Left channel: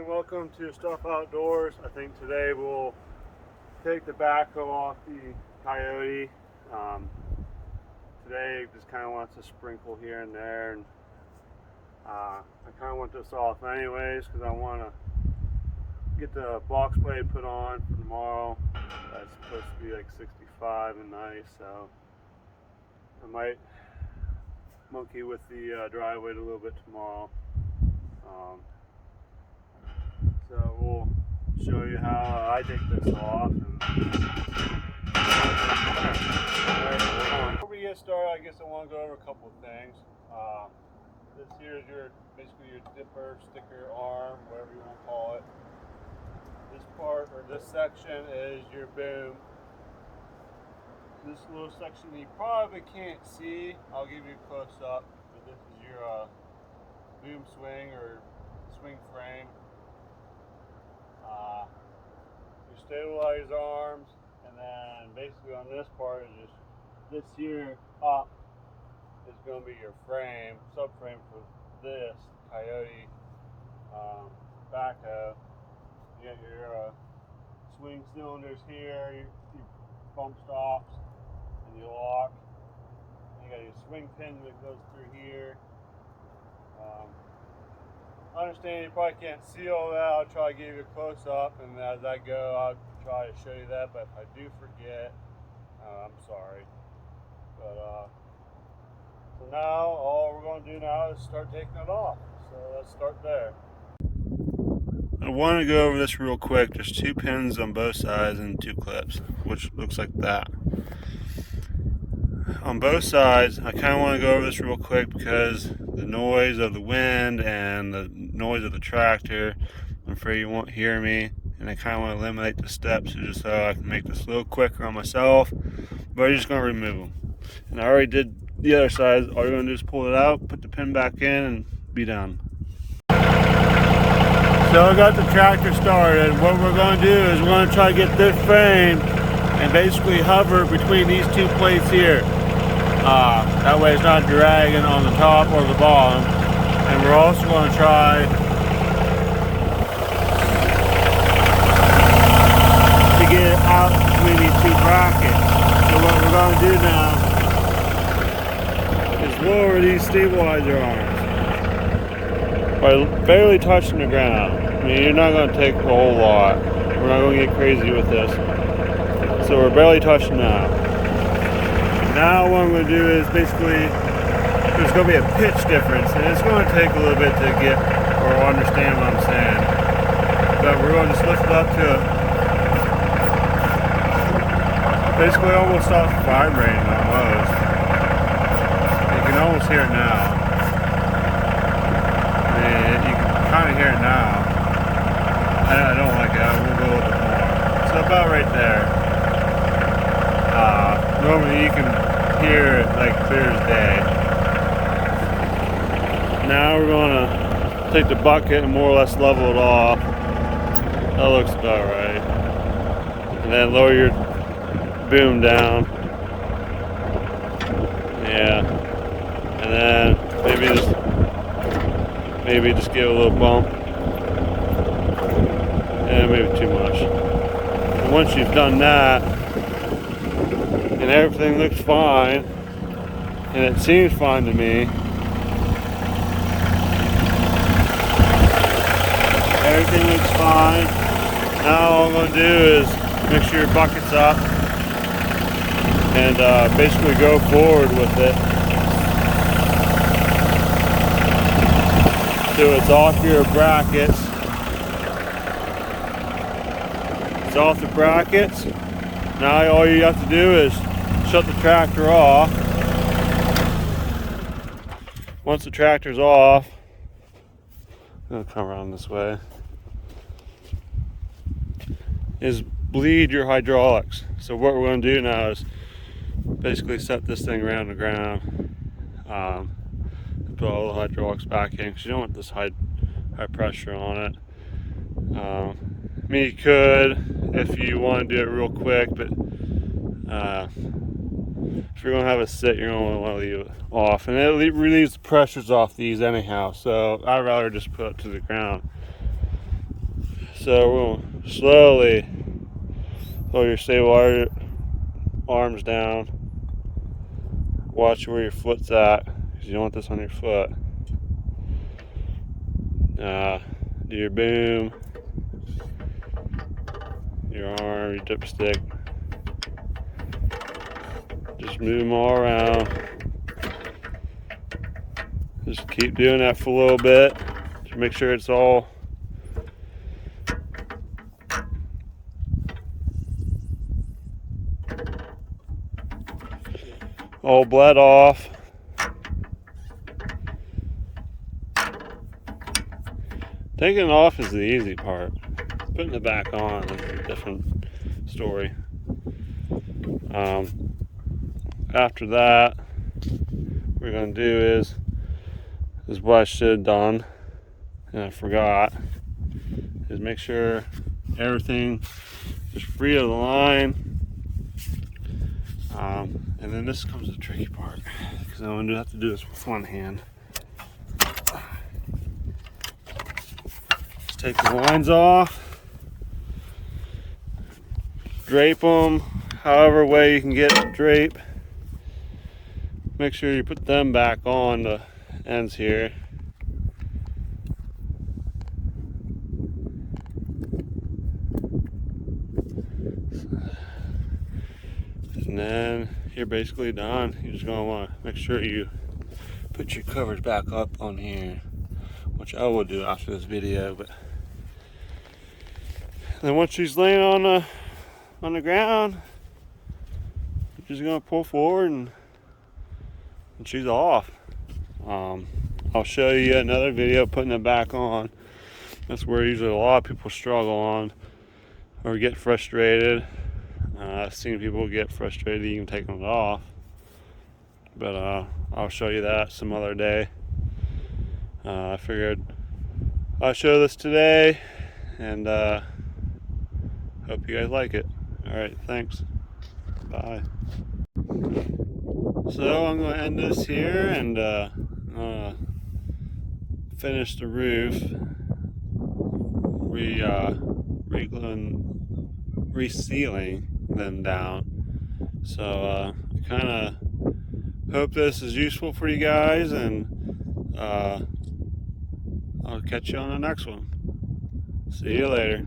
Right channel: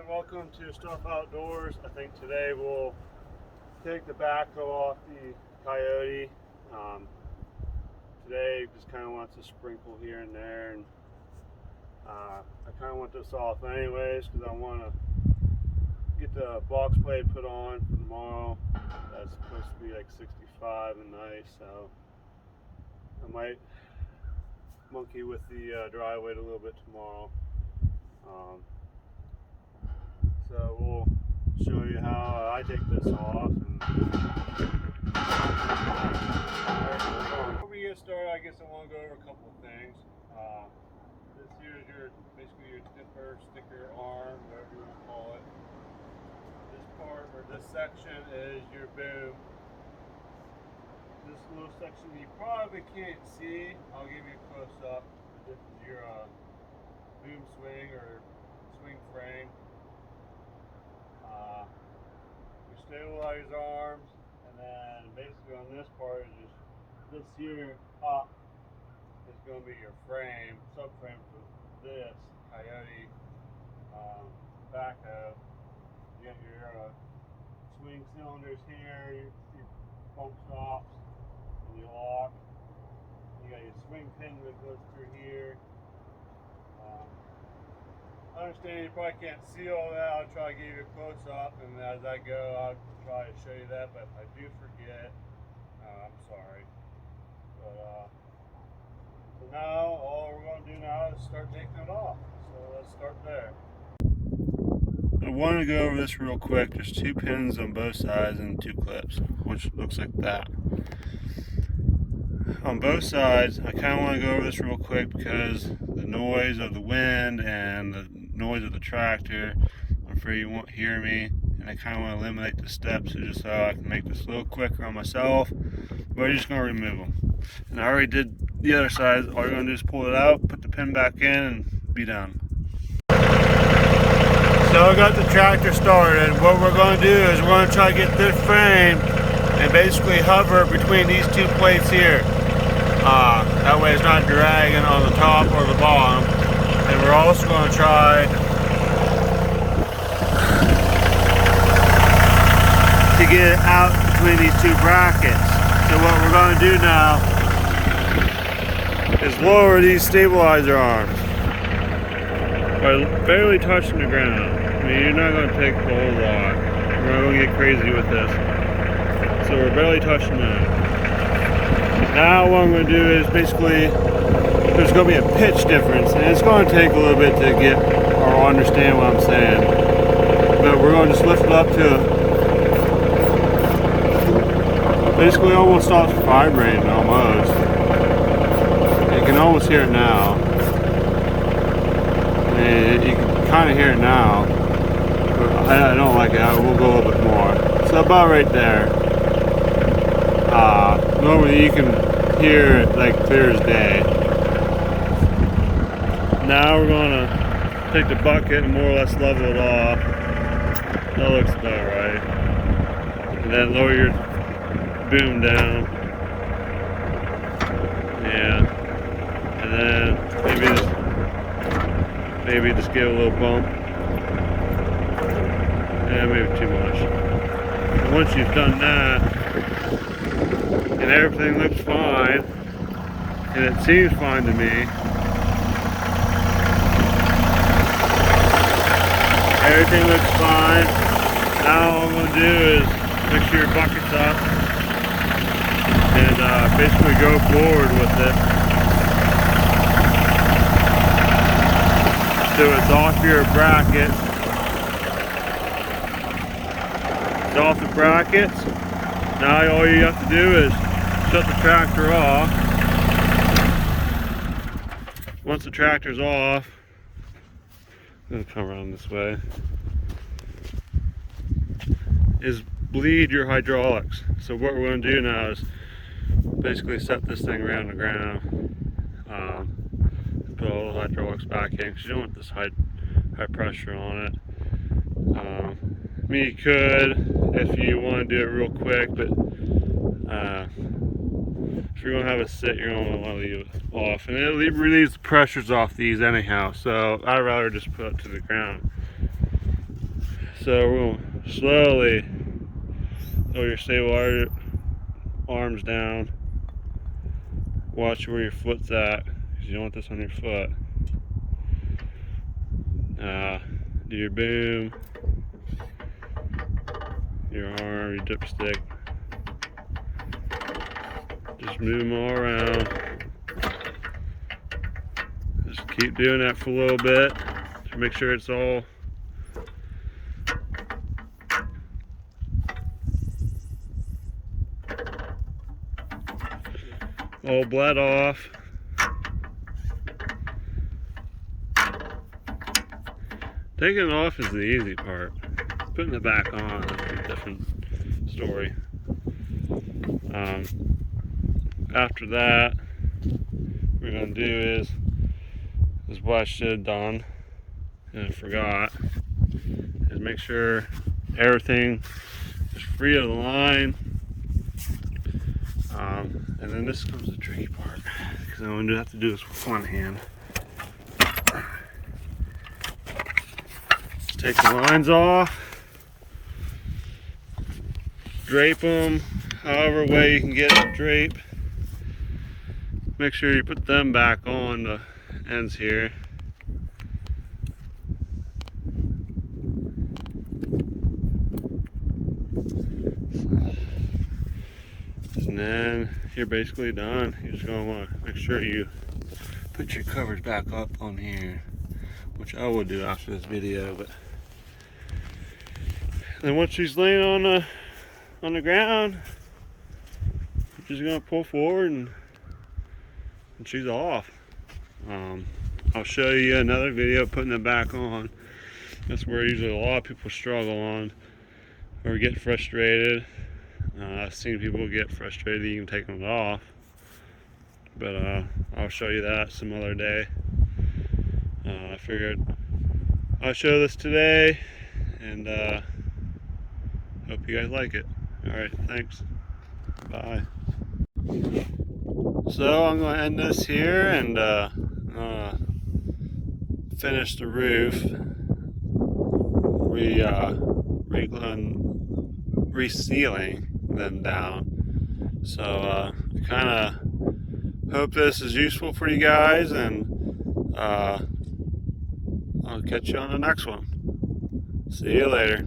and welcome to Stuff Outdoors. I think today we'll take the backhoe off the Coyote. Today just kind of wants to sprinkle here and there, and I kind of want this off anyways because I want to get the box blade put on for tomorrow. That's supposed to be like 65 and nice, so I might monkey with the dry weight a little bit tomorrow. So we'll show you how I take this off. And Alright, hold on. Before we get started, I guess I want to go over a couple of things. This here is basically your dipper, sticker, arm, whatever you want to call it. This part, or this section, is your boom. This little section you probably can't see, I'll give you a close up, but this is your boom swing or swing frame. Your stabilized arms, and then basically on this part is just this here up is going to be your frame, subframe for this Coyote backhoe. You got your swing cylinders here, your bump stops, and your lock. You got your swing pin that goes through here. I understand you probably can't see all that. I'll try to give you a close up, and as I go, I'll try to show you that. But if I do forget, I'm sorry. But so now all we're going to do now is start taking it off. So let's start there. I want to go over this real quick. There's two pins on both sides and two clips, which looks like that. On both sides, I kind of want to go over this real quick because the noise of the wind and the noise of the tractor, I'm afraid you won't hear me, and I kind of want to eliminate the steps just so I can make this a little quicker on myself, but I'm just going to remove them. And I already did the other side. All you're going to do is pull it out, put the pin back in, and be done. So I got the tractor started. What we're going to do is we're going to try to get this frame and basically hover between these two plates here. That way it's not dragging on the top or the bottom. And we're also going to try to get it out between these two brackets. So what we're going to do now is lower these stabilizer arms by barely touching the ground. I mean, you're not going to take a whole lot. We're not going to get crazy with this. So we're barely touching now. Now what I'm going to do is basically, there's going to be a pitch difference, and it's going to take a little bit to get or understand what I'm saying. But we're going to just lift it up to basically almost stops vibrating almost. You can almost hear it now. I mean, you can kind of hear it now. But I don't like it. I will go a little bit more. So about right there. Normally you can hear it like clear as day. Now we're going to take the bucket and more or less level it off. That looks about right. And then lower your boom down. Yeah. And then maybe just give it a little bump. And maybe too much. And once you've done that, and everything looks fine, and it seems fine to me. Everything looks fine. Now all I'm going to do is make sure your bucket's up and basically go forward with it. So it's off your brackets. It's off the brackets. Now all you have to do is shut the tractor off. Once the tractor's off, I'm going to come around this way, is bleed your hydraulics. So what we're going to do now is basically set this thing around the ground, put all the hydraulics back in because you don't want this high pressure on it. I mean, you could if you want to do it real quick, but if you're going to have it sit, you're going to want to leave it off, and it relieves the pressures off these anyhow, so I'd rather just put it to the ground. So we'll slowly lower your stable arms down. Watch where your foot's at, because you don't want this on your foot. Do your boom, your arm, your dipstick. Just move them all around. Just keep doing that for a little bit to make sure it's all bled off. Taking it off is the easy part. Putting it back on is a different story. After that, what we're gonna do is what I should have done, and I forgot, is make sure everything is free of the line. And then this comes the tricky part, because I'm gonna have to do this with one hand. Just take the lines off, drape them however way you can get the drape. Make sure you put them back on the ends here. And then you're basically done. You're just gonna want to make sure you put your covers back up on here, which I will do after this video. But then once she's laying on the ground, you're just gonna pull forward and she's off. I'll show you another video putting it back on. That's where usually a lot of people struggle on or get frustrated. I've seen people get frustrated even taking it off, but I'll show you that some other day. I figured I'll show this today, and hope you guys like it. Alright, thanks. Bye. So I'm going to end this here and finish the roof. Resealing them down. So I kind of hope this is useful for you guys, and I'll catch you on the next one. See you later.